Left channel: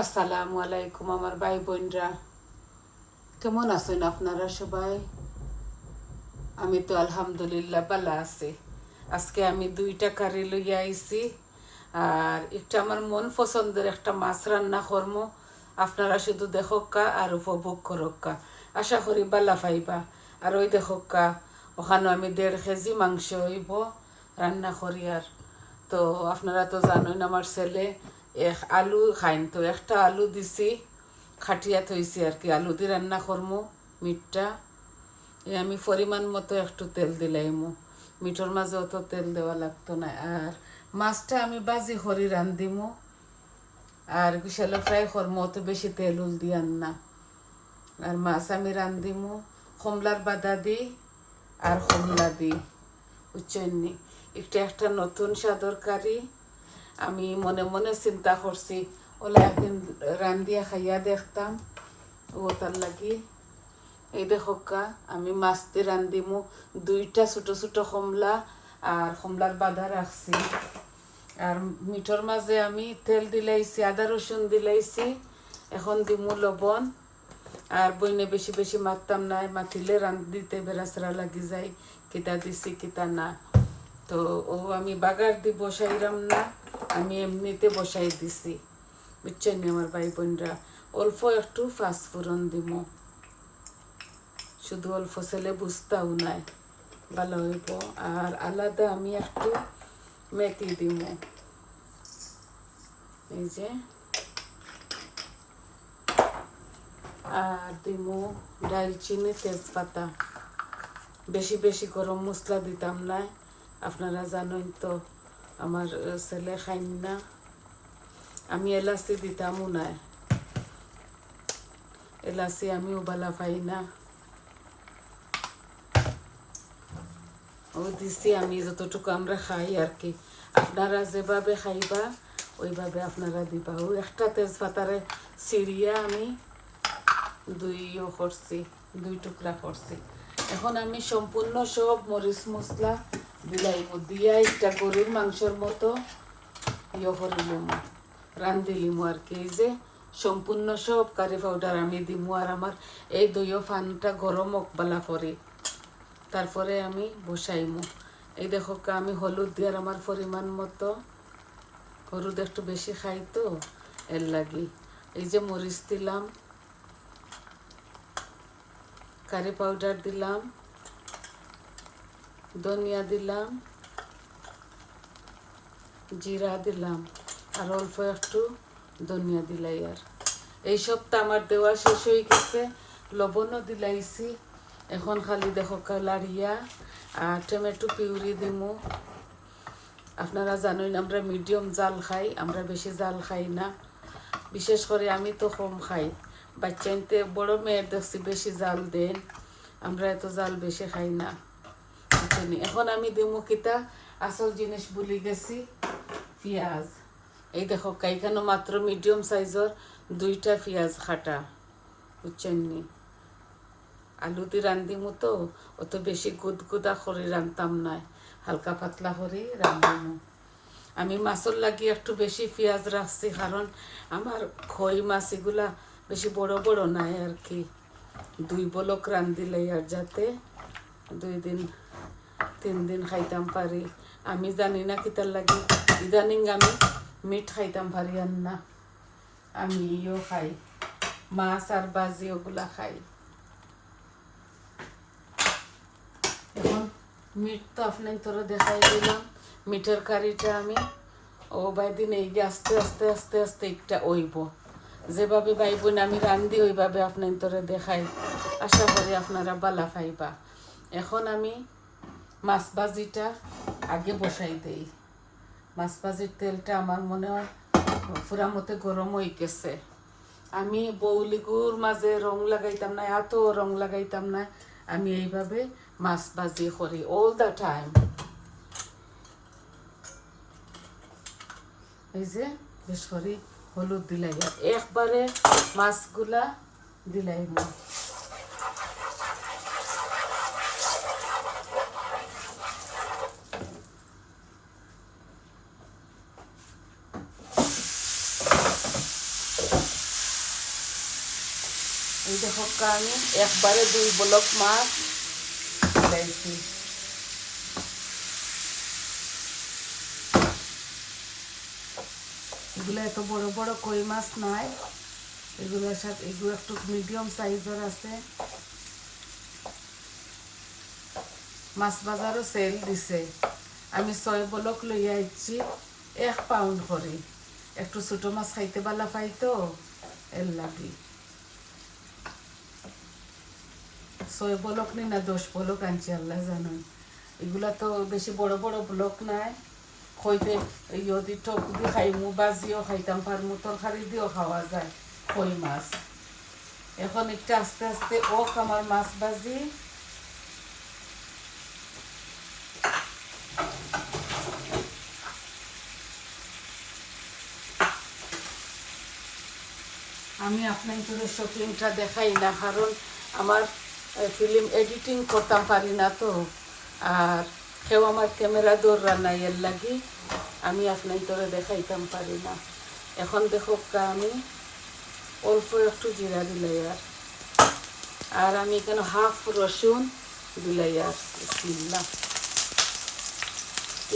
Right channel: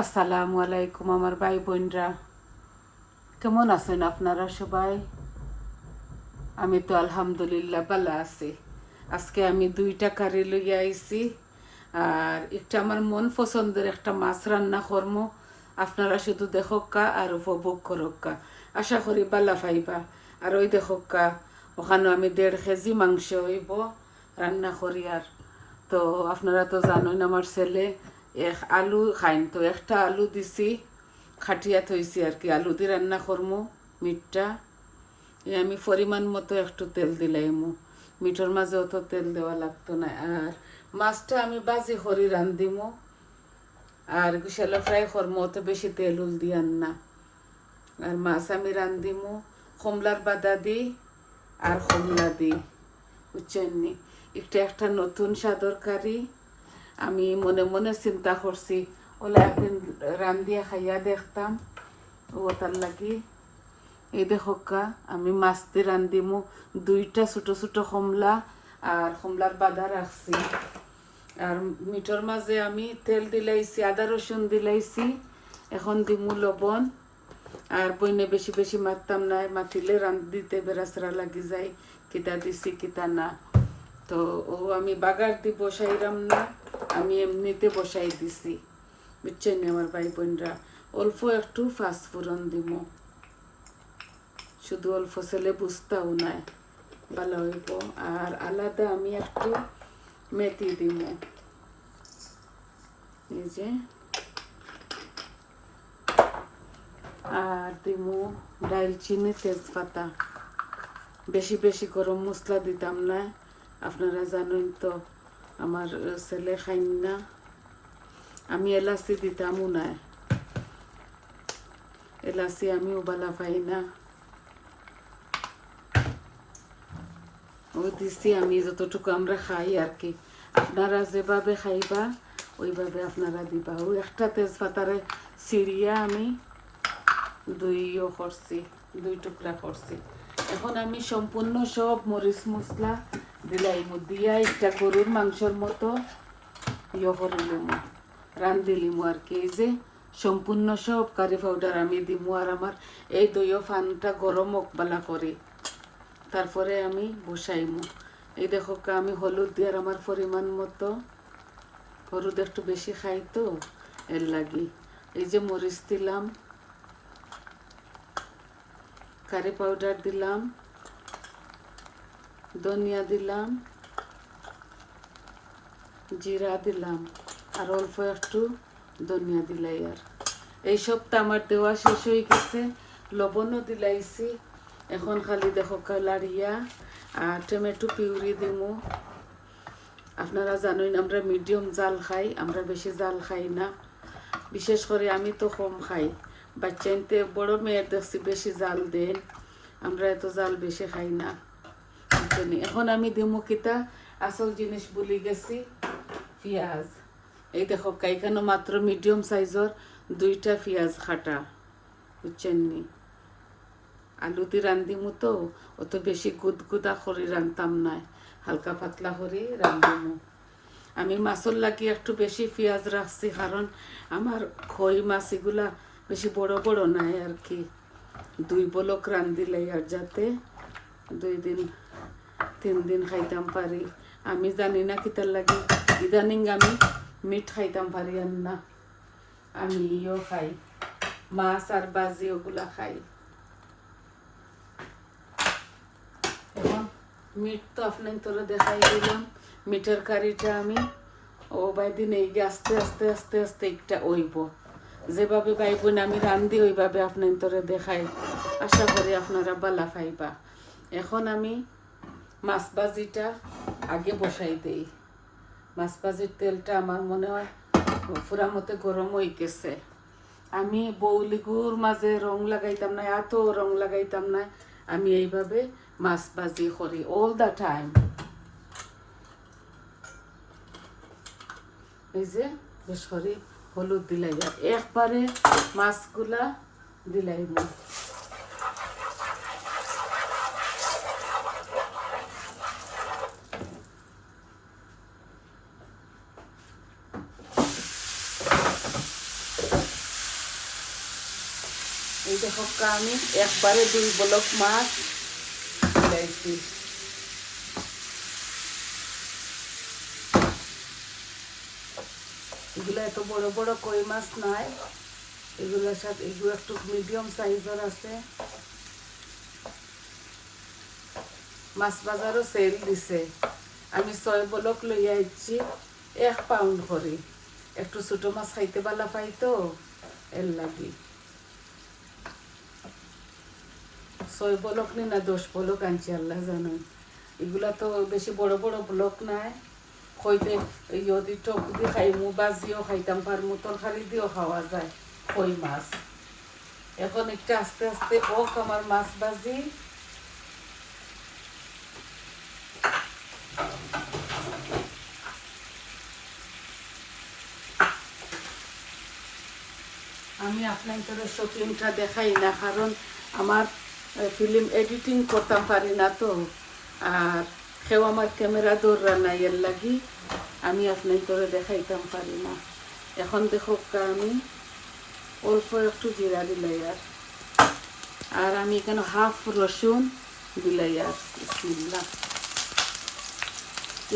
আসসালামু আলাইকুম আমার ভাই বোনরা, কেমন আছেন আপনারা সবাই? আমি তো আলহামদুলিল্লাহ ভালো আছি। আজকে আমি দুইটা কারি লইয়া আইছি, আর একটা আমার মন পছন্দের একটা মাছ রান্না করমু। আপনারা শুধু দেখোকা আর উপভোগ করোকা, আশা করি বালা পাইবা। আর ওই দেখোকা, ওখানে আমি 1.5 কেজি মাংস হইব রান্না করি। আর তো আপনারা তো জানেন আমার ছেলে আলু খাইন, তো একটা আলু দিছি, খাটিয়া থইছি আর কি, আলু দিয়ে রান্না করমু মিটটা। আমি পরিমাণ মতো একটু তেল দিলাইমু, মিঠোর মাঝে অত তেল দেওয়া লাগতো না। আর মাছটা আমি বাজি করি রান্ধিমু, আর বিশালা ফ্রাই করমু, অত বেশি তেল উল দিয়ান না। আর মাছ আমি রান্ধিমু কমলার বাদা দিই আর কমলা দিই, বুঝছেননি। একটা নতুন স্বাদর কারি। আমি মনে মনে চিন্তা করছি ওলা একদিন রান্ধিয়া খাইয়া দেখতাম, ও তার লাগি এই দেখোকা আমি মাছ দিয়ে রান্ধিমু। 2টা ছোট ছোট কমলা আর কমলার বাধা রাখছি। আর মিঠোর মাঝে আমি তেল দিলাইছি, আদা রসুন দিলাইছি। এখন দিমু লবণ। আর বইনে বেশি বেশি মারতাম না, মাতিলে দিতে বেড়াচড়া লাগি যায়, কিতা দিছি কিতা না। তো ও আমি বাগার দি বসাইলাম না, আমি এমনিতে বসাই দিছি, বুঝছেন আমার ভাই বোনরা। অল্প একটু ফাঁসফোড়ন দিব, শুধু অল্প ছেলে বুঝতাও নাই, ভালো হইব। আর আলাদা আমি একটু মেথি দিব, এই যে। আর দিব ডালচিনি, তেজপাতা। বেশি বেশি গরম মশলা দিতাম না, আপনারা জানেন তো আমার ছেলে খাইন না। আমি এলাচি দিতামও না, এলাচি আমিও ভালো পাই না। ও দিছি আমি যতটুকু আমরা খাই আর কি, আপনারা যেভাবে খাইবা ওইভাবে আপনারা দিবা। ও একটা তেজপাতারে ছিঁড়িয়া আমি 2 টুকরা করছি। এখন আমি সম্পূর্ণ সব মরিচ মশলা দিলাইব, দিয়া একটা গরুর মাংসর মতো করিলিম, রান্ধিলিম আর কি। এই যে সম্পূর্ণ সব কারি পাউডার আমি দিমু। আর আমার এই দইও ফানটা গরম বালা করি, তারপরে আমি বসাইমু। এই দেখো আমি হলুদ দিয়ার আমার পরিমাণ মতো, হলুদ একটু বেশি খাই তো এর লাগি। এই যে মরিচ দিলাম, কারি পাউডার দিলাম, ধনিয়া দিলাম, জিরা দিলাম, আর অল্প একটু ধনিয়া দিলাই। আর এইসবটা আমার দেওয়া শেষ হয়ে গেছে, লবণও দিলাইছি। এখন খালি দেখো লাড়িয়া আর টমেটো পিউরি দিমু। আপনারা জানেন আমরা মিডিয়াম জাল খাই, আমরা বেশি জাল খাই না। বিশেষ করে আমি তো কম খাই, বাচ্চাইতে বড় মেয়ের দেখছি বেশি জাল দেন, আমরা এত জাল বেশি খাই না। এখন আমি দিমু কিতা, আসল জিনিস ভুলি গেছি, পেঁয়াজ। এই দেখো এখানে মাত্র মিডিয়াম সাইজের 2টা পেঁয়াজ কাটা, বুঝছেন নি। আলু দিয়ে রান্ধিমু তো অত বেশি গুদগুদা করে রান্ধতাম না, হালকা পাতলা করে রান্ধিমু। আমি মাছের লাগি একটু বেশি পেঁয়াজ রাখছি, কারণ আমার খই মাছ এগুলা বেশি বড় বড় নাই আর কি। 2 বলক রান্ধিলে আর যাতে 2 দিন 3 দিন খাইতাম পারি। আমি জানি না কিতার লাগি ইদানিং আমি মিট খাইতাম পারি আর না, আমি ইও খাই, মাছ আর বাজি ওগুলা খাই। এখন মিট তো আপনার তোরা দেখাই দিলাম, মিটের কারিটা আমি ও বাইদিন এই যে আস্তে আস্তে আস্তে আস্তে একটা ওইব, যেভাবে বাইবন আমি রান্ধি ওইভাবে আপনার তোরে দেখাই, আশা করি আপনারা বালা পাইবা। এখন আমি মাছ ভাজিটা আগে বসাই দেই। মাছ ভাজির তেলটা আমার মনে হয় পুরা মতো গরম হয়ে গেছে। আমি বৌলিগুর মাঝে রং লাগাইতাম না, এত রং লাগাইতাম না, আমি এইভাবে মাছ ভাজি করি অল দ্য টাইম। এই যে বেশ করে হলুদ দিলাই, একবারে মাছগুলা দিলাই। এই দেখো আমি একবারে 2 ব্লক মাছ দিলাইছি। এগুলো এত বড় বড় কই মাছ নাই, এগুলোর সাথে এগুলো একটু মিডিয়াম সাইজের আছে। মাছ বাজারও সেল দিছে। আমি 6 ব্লক লইয়া আইছি 1 পাউন্ড করে। একটু ছোট মাছ খাইতে ভালো পাই তো এর লাগি। 6 ব্লক নি না 10 ব্লক আনছি, আল্লাহ জানেন। এগুলা তো বেশি বড় বড় ব্লক নাই। হইতে ইয়দি টক দিয়ে খাইমু, বাজিও খাইতাম পারমু, তরকারি দিয়েও খাওয়া যায় কই মাছ। এখন একটু আস্তে আস্তে আমার মাছ বাজি। আমি আপনাদের শুটিংটা দেখাই না, কারণ আমার ফিল্ম এডিটিং করতে পারি না তো, আর কেউ আমার ক্যামেরা দৌড়া নাই, এর লাগি আমি আপনাদের দেখাইতাম পারি না। এখন দেখো আমি অল্প একটু জিরা দিলাই, আর আমি এখানে হাফ রসুন দিলাই। আর বিসমিল্লাহ,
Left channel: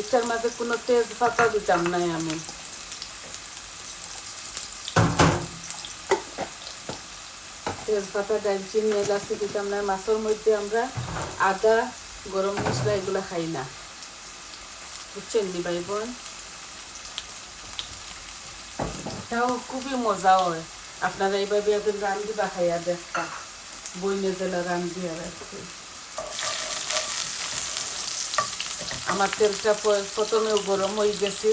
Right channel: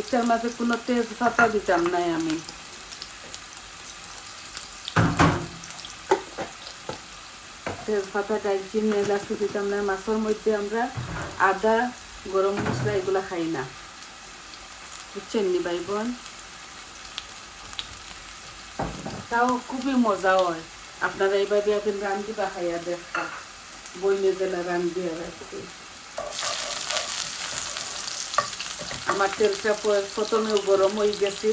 এটার মাঝে কোনো তেজপাতা দিতাম নাই আমি। তেজপাতা, দারচিনি, এলাচ দিতাম না। মাছের মধ্যে আমরা আদা, গরম মশলা এগুলা খাই না, বুঝছেন নি ভাই বোন? তাও খুবই মজা হয়। আপনারা এইভাবে একদিন রান্ধি বা খাইয়া দেখতা, বইনে জেলা রান্ধি। আর আমার তেলটা প্রথমে গরম হয়ে গেছে,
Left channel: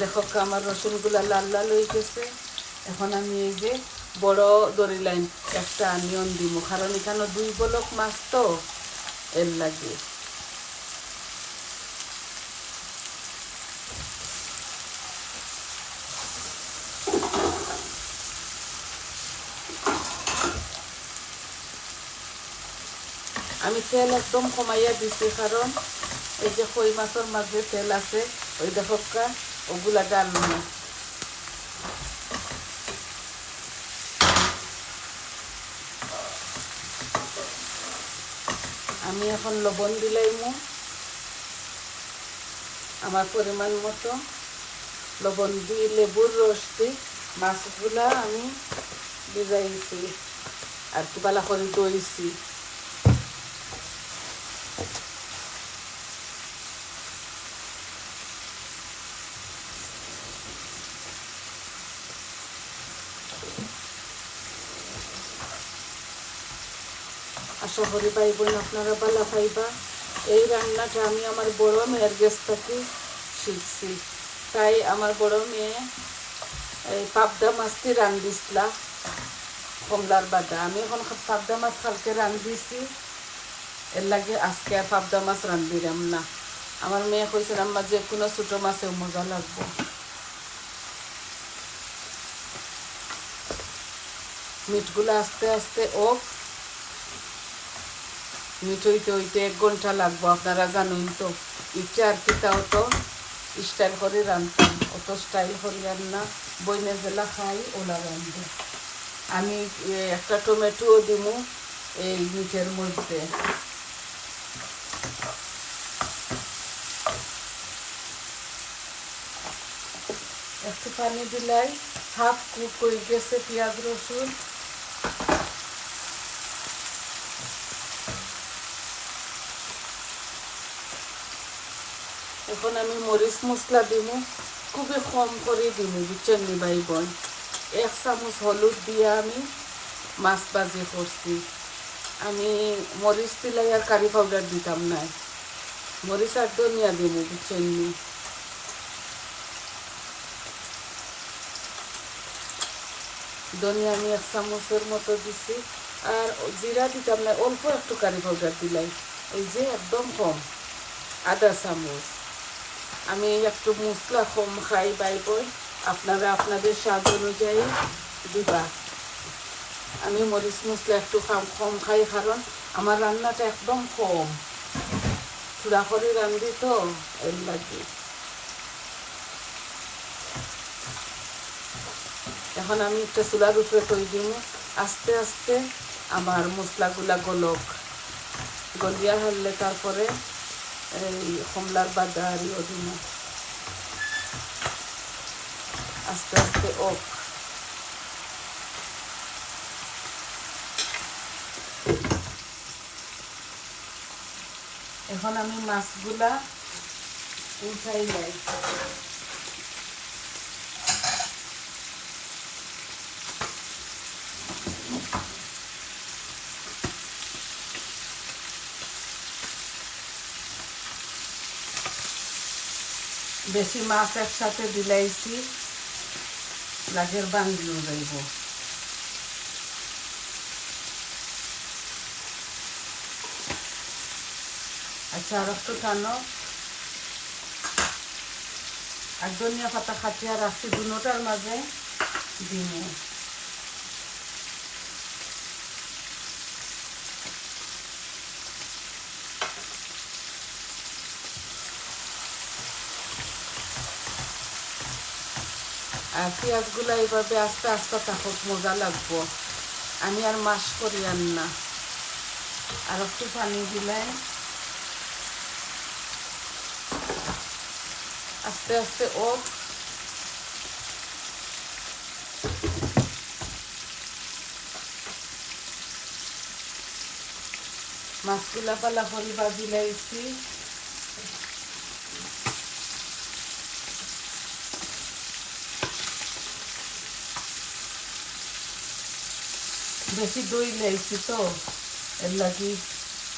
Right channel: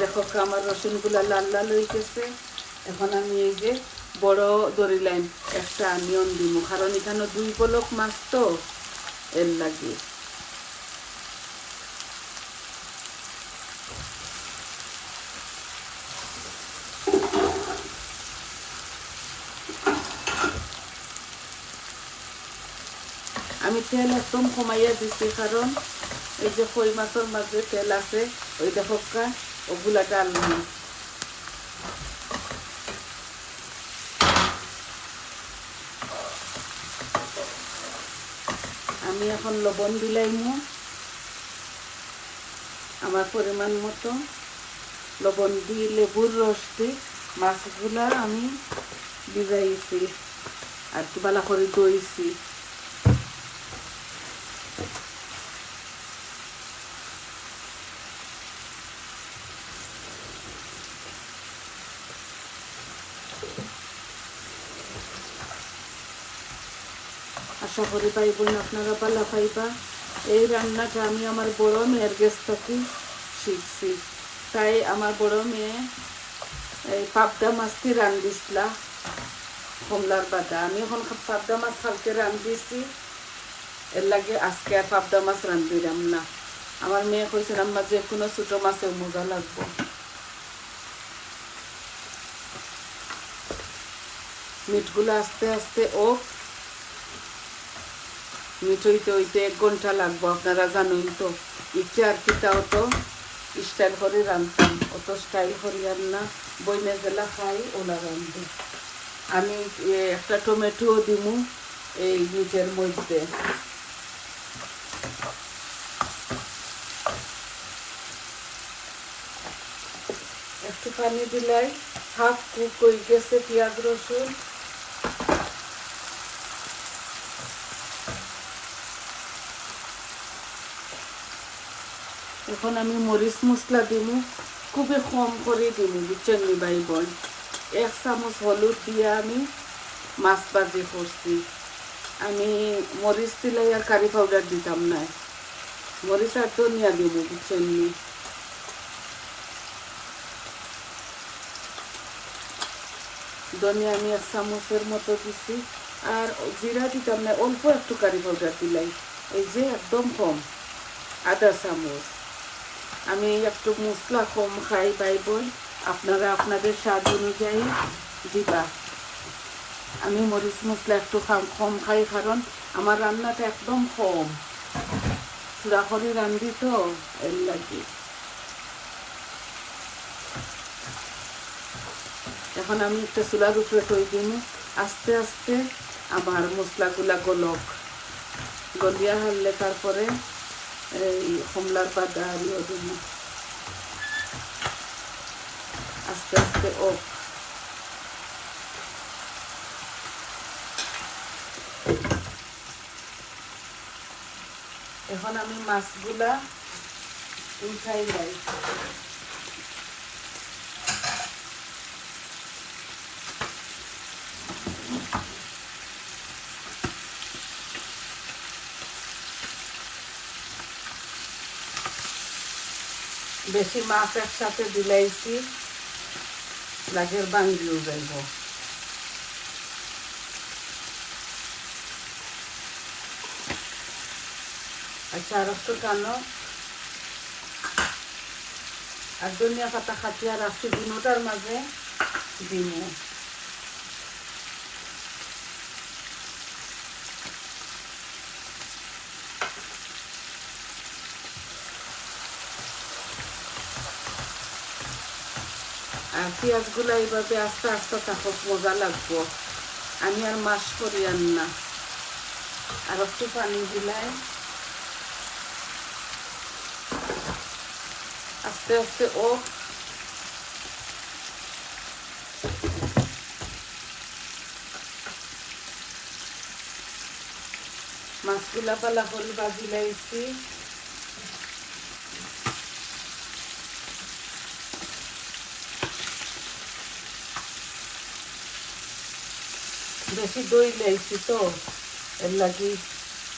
দেখো আমার রসুনগুলা লাল লাল হয়ে গেছে। এখন আমি এই যে বড় দড়ি লাইন একটা অনিয়ন দিব, কারণ এখানে 2 ব্লক মাছ তো এর লাগে। আমি তেল একদম কমাইয়া দিছি, কারণ এই যে কই মাছের মাঝে তেল আছে, ওই দেখো ওগুলা ডালবো না। আমি এখন লবণ দিলাইমু আমার পরিমাণ মতো। লবণ দিয়ে লেবুর রস দিই, মাছগুলা আমি ভিজাইছি আর কি ভালো করে ধুইছি। আশা করি ভাই বোন আপনারা ভালো পাইবা। এই রান্নাটা আমি আমার বড় মেয়ের কাছ থেকে শিখছি। তাই আমার বড় মেয়ে এই পাবদা মাছটি রান্ধিছিলাম, কমলার বাটা। আমি এখন পাবদা মাছ কালকে রান্ধিছি, এর লাগে আজকে আর পাবদা মাছ রান্ধিলাম না। আমার মেয়ে কইছে আম্মা যে কোনো ছোটো মাছেও মজা লাগবে। মিটগুলো আস্তে আস্তে মিট হইতে হইতে 1 ঘন্টা লাগবো, আপনারা জানেন তো। ইচ্ছে আর কি তাও তো স্টাইল করে রান্ধতাম, অত স্টাইল করি আর না, বইনে জেলা খাই ওলা রান্ধি। আমি একটা টমেটোও দিব এই মিটের মধ্যে। একটু পানি দিলাই, হাফ কুক হয়ে গেছে পেঁয়াজ রসুন। এখন আমি মরিচ মশলা দিব, খুবই কম করে দিব, বুঝছেন নি ভাই বোন। 1 চামচ হলুদ দিয়ে আমি মাছ ভাজি করছি। আমি মরিচ দিলাই আর কারি পাউডার দিতাম না, মরিচ আর ধনিয়া দিব, বুঝছেন নি। ধনিয়া আমি 1 চামচের মতো দিছি, আর জিরা দিতাম না, অল্প একটু কারি পাউডার দিলাই, এই যে একদম কম, আধা চামচ। আমি একটু মশলা কম খাই ভাই বোন, আপনারা আপনাদের স্বাদ অনুযায়ী দিবা। আমি মরিচ মশলা একটু কম খাই, কারণ আমার রান্নাটা একদম কম, পুরা করে রান্ধি তো এর লাগে। এখন আমি একটা চুলার উপরে তৈরি দিন, আস্তে আস্তে আমার মশলাগুলা গলিয়া হলে তারপরে এই কমলার বাদা দিয়ে দিব আস্তে আস্তে। এখন আমি মাছগুলা উঠাই যাই। বেশি মাছ একসাথে দিলাইছি লাগের বাঙ্গিও যাইব। আচ্ছা আর একটু টানো। আর ধনিয়া পাতা খাটি আর রাখছি দুটার মাঝে দিমু। আর পেঁয়াজগুলো এইভাবে আস্তে আস্তে থাকুক, মজা লাগবো। আমি আর মাছ করি না। আর একটু পানি দিলাই আস্তে আস্তে। মাছগুলা পালা করে ভাজি লাইছি। বেশি দই লাইছি তো এর লাগি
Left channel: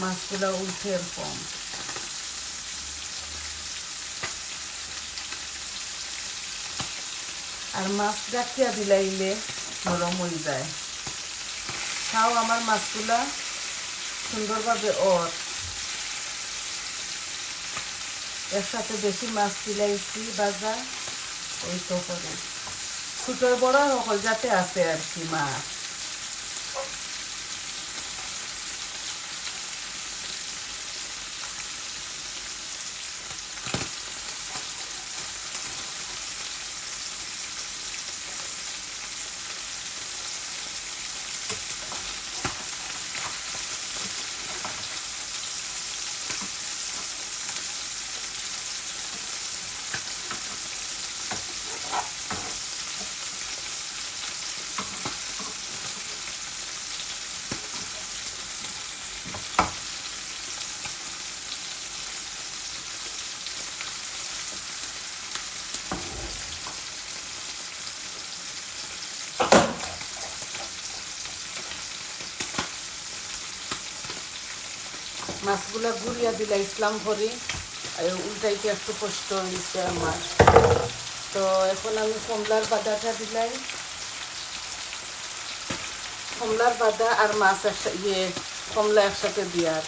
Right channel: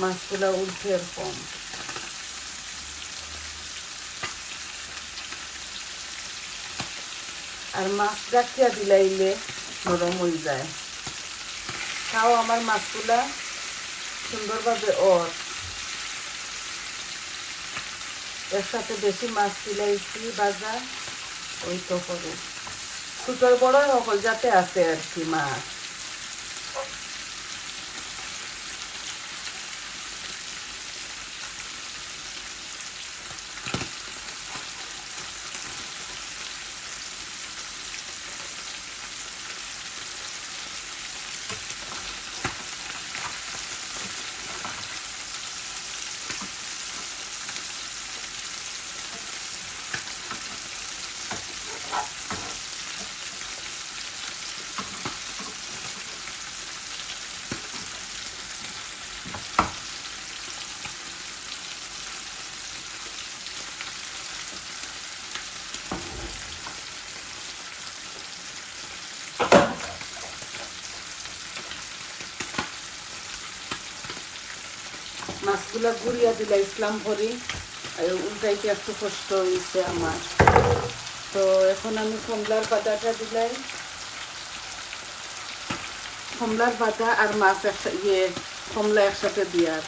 মাছগুলা উঠে এরকম। আর মাছ ডাকিয়া দিলাইলে নরম হয়ে যায়। খাও আমার মাছগুলা সুন্দরভাবে এর সাথে বেশি মাছ দিলাইছি ভাজা ওই তো করে ছোটোর বড় সকল যাতে আছে আর কি মাছ। মাছগুলা গুড়িয়া দিলা ইসলাম করি উল্টাইতে একটু কষ্ট হয়েছে আমার। তো এখন আমি কমলার বাদাটা দিলাই, কমলার বাদা আর মাছ কমলা একসাথে দিয়ার।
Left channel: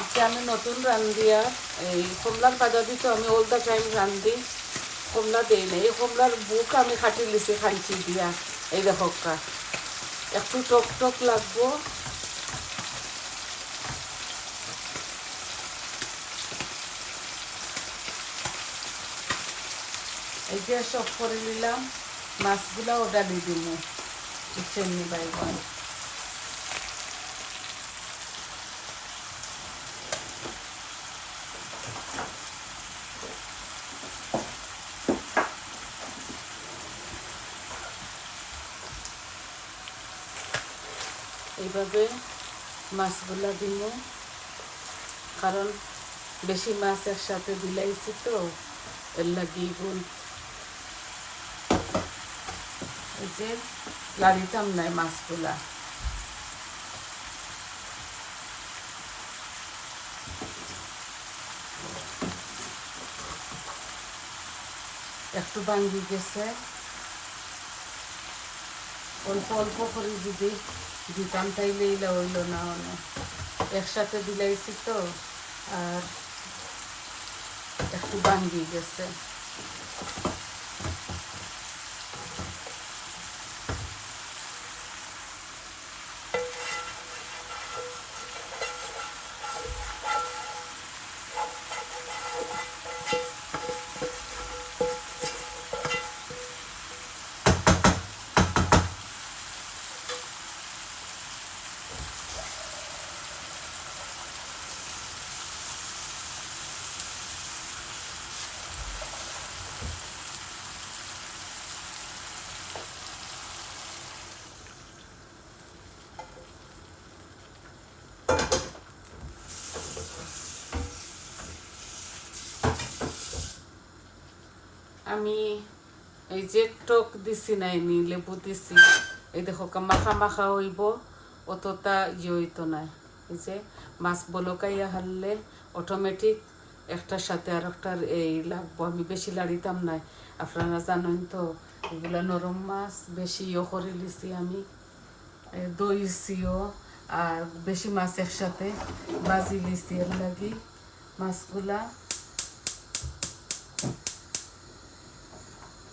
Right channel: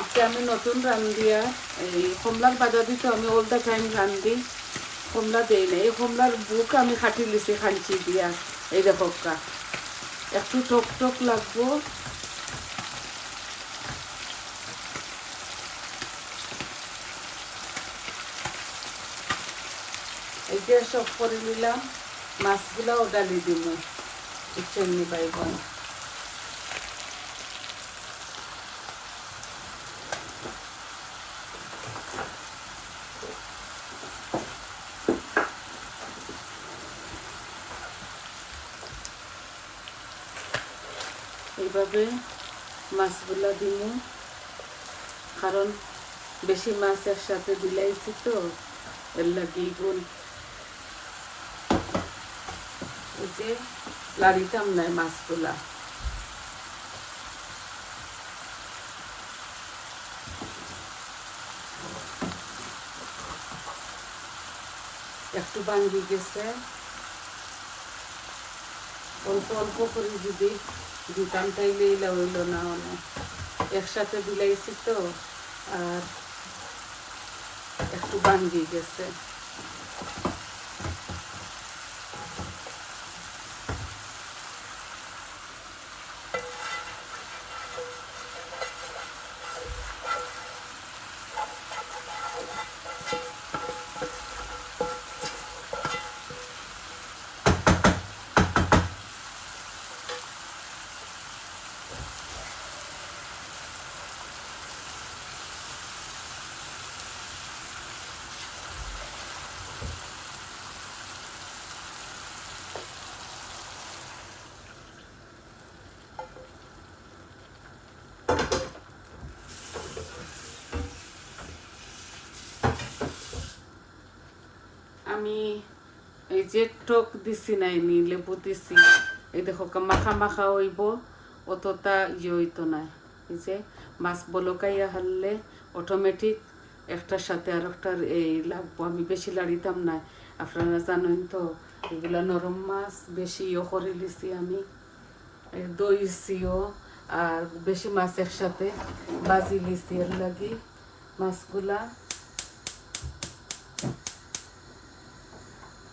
এটা আমি নতুন রান্ধিয়া এই কমলার বাদা দিতে আমি অল দ্য টাইম রান্ধি, কমলা দেই না। এই কমলার বুক আমি খাটি লিছি খাঞ্চি দিয়া। এই দেখো একটু টক টক লাগবো। এইটা সব করে নিলাম, মাছগুলাও ডালি দিব চিংড়ি বাইগন। এইভাবে মাছগুলা দিব, কারণ বেশি মাছ একসাথে দিলাইছি তো এর লাগি গুণ ওই যে লাড়িতাম নাই মাছগুলা। একটু ভাঙ্গি গেছে, অল্প অল্প করে যদি দিতাম তাইলে এলা হইল না, একসাথে দিলাইছি তো আর একটু ভাঙ্গি গেছে। আমি এই যে টক দিছি নাইনি লেবু দিছি এই দেখো মাখা মাখা হইব অতটা হইতো না এই যে মাছ বলকাইয়া হারলে অটোমেটিক একটার সাথে আর একটার এই লাগবো আমি বেশি লাড়িতাম না আপনারা জানেন তো এগুলা নরম মাছ বেশি করে লিছি আমি দইছিও আর বেশি মাছ একসাথে বাজি লিছি এর লাগি মাছগুলা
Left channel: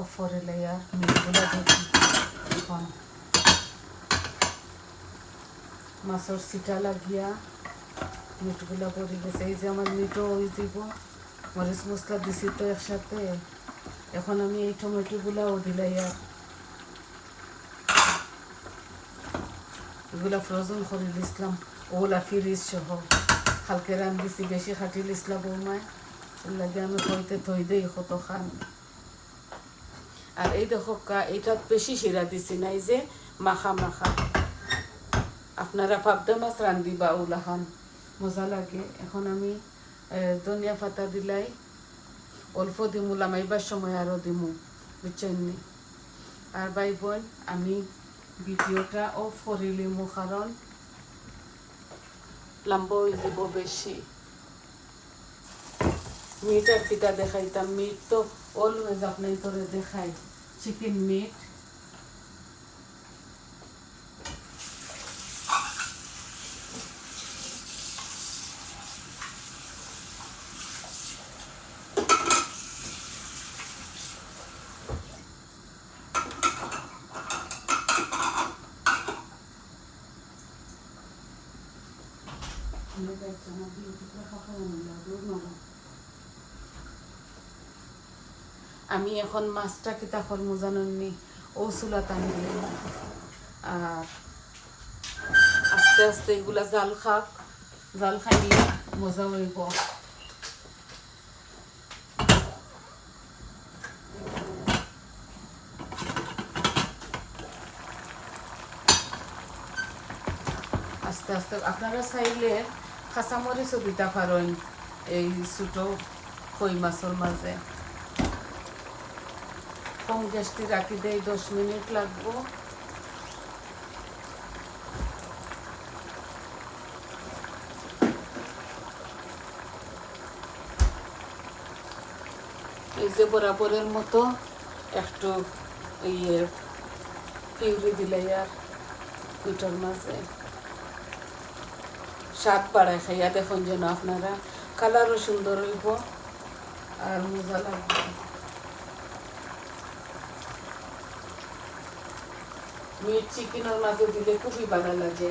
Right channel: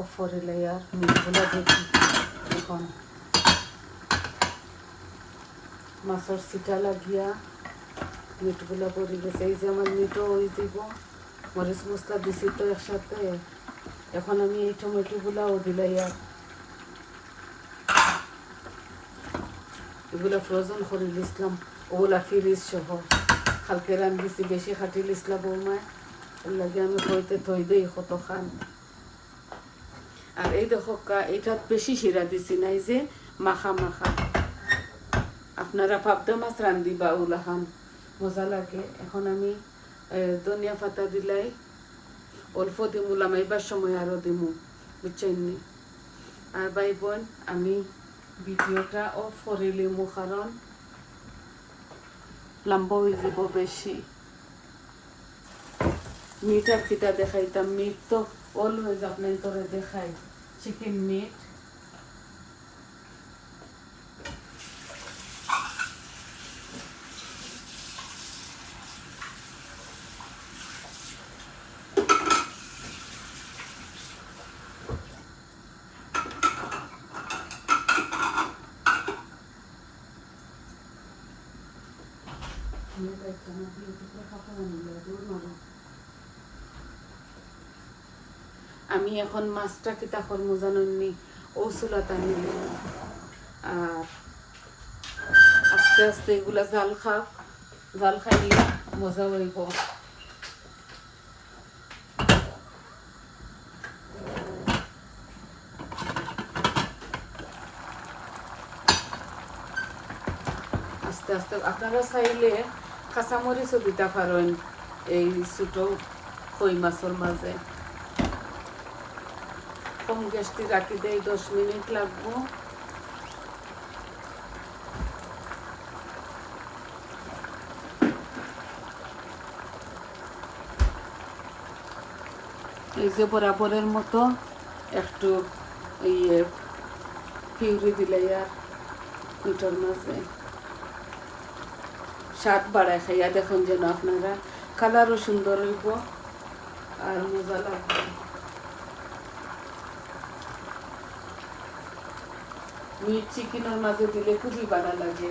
অফরে লেয়ার মিটগুলা দেখি এখন মাছের সিটা লাগিয়া মিটগুলা পড়ে গেছে এই যে আমার মিটও হয়ে দিব মরিচ মশলা দিছি তো একসাথে এখন আমি এই টমেটোগুলাও দিলাইয়া এগুলা ফ্রোজেন করে দিছিলাম ওগুলা ফ্রিজ সহ কালকে রান্ধিছি বেশি খাটি লিসলা বৌমা এর লাগে আমি হইতে থই দেই কত খান আর এই দেখো এটা বেশি শিরা দিছি না এই যে মাখা মাখা আপনারা পাবদা মাছ রান্ধিবা ওলা খান মজা লাগে এখন আমি ধনিয়া পাতা দিলাই অল্প দিমুলাম এইবার সময় আরও দিমু বুঝছেন আর ভাই বোন আমি ভিডিওটা অফ করিলিমু কারণ লম্বা হয়ে যাব বেশি মিট আর কিটা দেখাইতাম মিট তো অলওয়েজ আপনার করে দেখাই চিকেন মিট আমি এখন মাছটা কিতা করবো জানেননি ও চুলাত আনি আর আস্তে আস্তে এগুলা জাল খাইলে মজা হইব আস্তে আস্তে আপনারা চাইলে কাঁচামরিচও দিতে পারেন এই ছোটো কই মাছের মাঝে কম গ্যাসটি রাখি দেয় 10 মিনিট লাগবো এই যে বরাবরের মতো একটু ইয়ে পিউরি দিলে আর দুটোর মাঝে স্বাদ বাড়ায় খাইয়া দেখুন যেন আপনারা কালারও সুন্দর হইব আর মজা লাগবে মিট চিকেনের মাঝে দিলে খুবই ভালো লাগে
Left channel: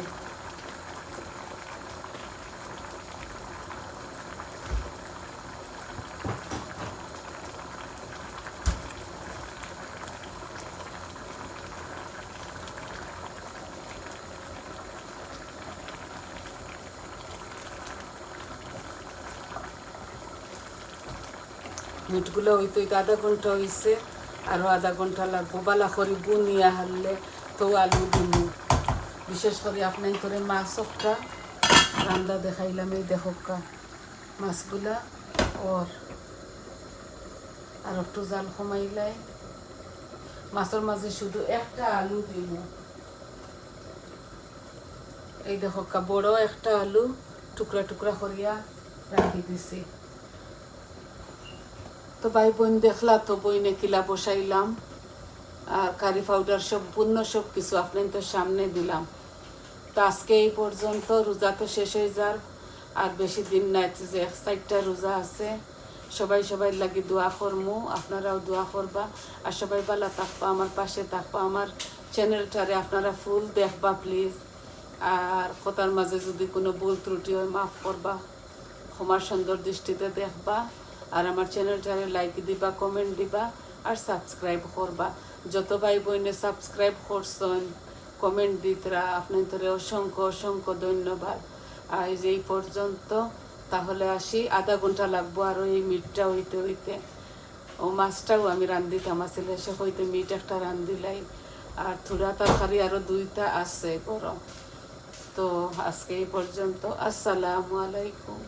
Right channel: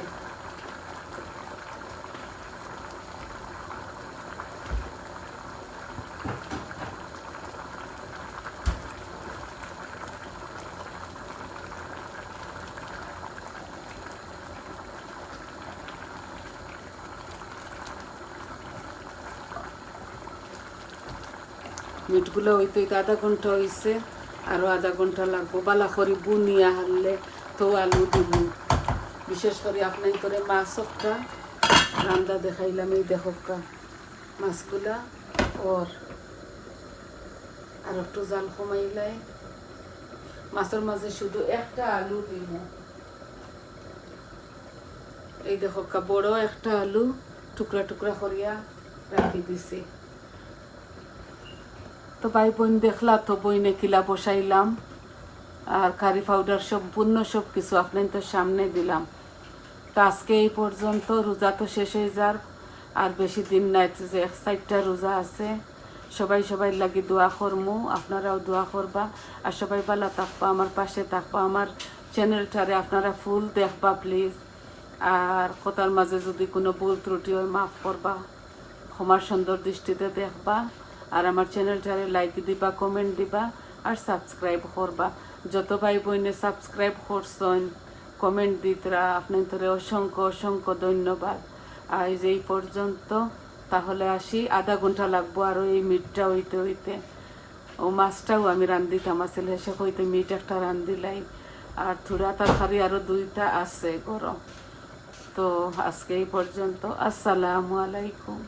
মিটগুলো হইতে আধা ঘন্টা হয়েছে আরও আধা ঘন্টা লাগবো বালা করে বুনিয়া হারলে তো আলু দিলু বিশেষ করে আপনার করে মাছ একটা রান্না দেখাইলাম এই দেখা মাছগুলা ওর আর একটু জাল কমাইলাই মাছের মাঝে শুধু একটা আলু দিব এই দেখো বড় একটা আলু টুকরা টুকরা করিয়া রাখি দিছি তো ভাই বোন দেখলা তো বইনে কিলা বসাইলাম আর কারি পাউডার সম্পূর্ণ সব কিছু আপনাদের সামনে দিলাম তো আজকে এই পর্যন্ত রোজা তো শেষ হয়ে যার আর বেশি দিন নাই যে 4টা রোজা আছে সবাই লাগি দোয়া করমু আপনারাও দোয়া করবা আর সবাই ভালো থাকবা আমার পাশে থাকবা আমার চ্যানেলটারে আপনারা ফুল দেখবা প্লিজ আর কথার মাঝে যদি কোনো ভুল ত্রুটি হয় মাফ করবা ক্ষমার সুন্দর দৃষ্টিতে দেখবা আর আমার চ্যানেলটারে লাইক দিবা কমেন্ট দিবা আর সাবস্ক্রাইব করবা যত ভাই বোনে সাবস্ক্রাইব করছেন কমেন্ট দিতরা আপনাদের অসংখ্য ধন্যবাদ আর এই পর্যন্ত তাহলে আসি আধা ঘন্টা লাগবো আর এই মিটটা হইতে ও মাছটাও আমি রান্ধিতাম আসলে সে হইতে মিট একটা রান্ধিলাই আর থোড়া তরকারি আরও 2টা আছে গরম তো আজকে এই পর্যন্ত আসসালামু আলাইকুম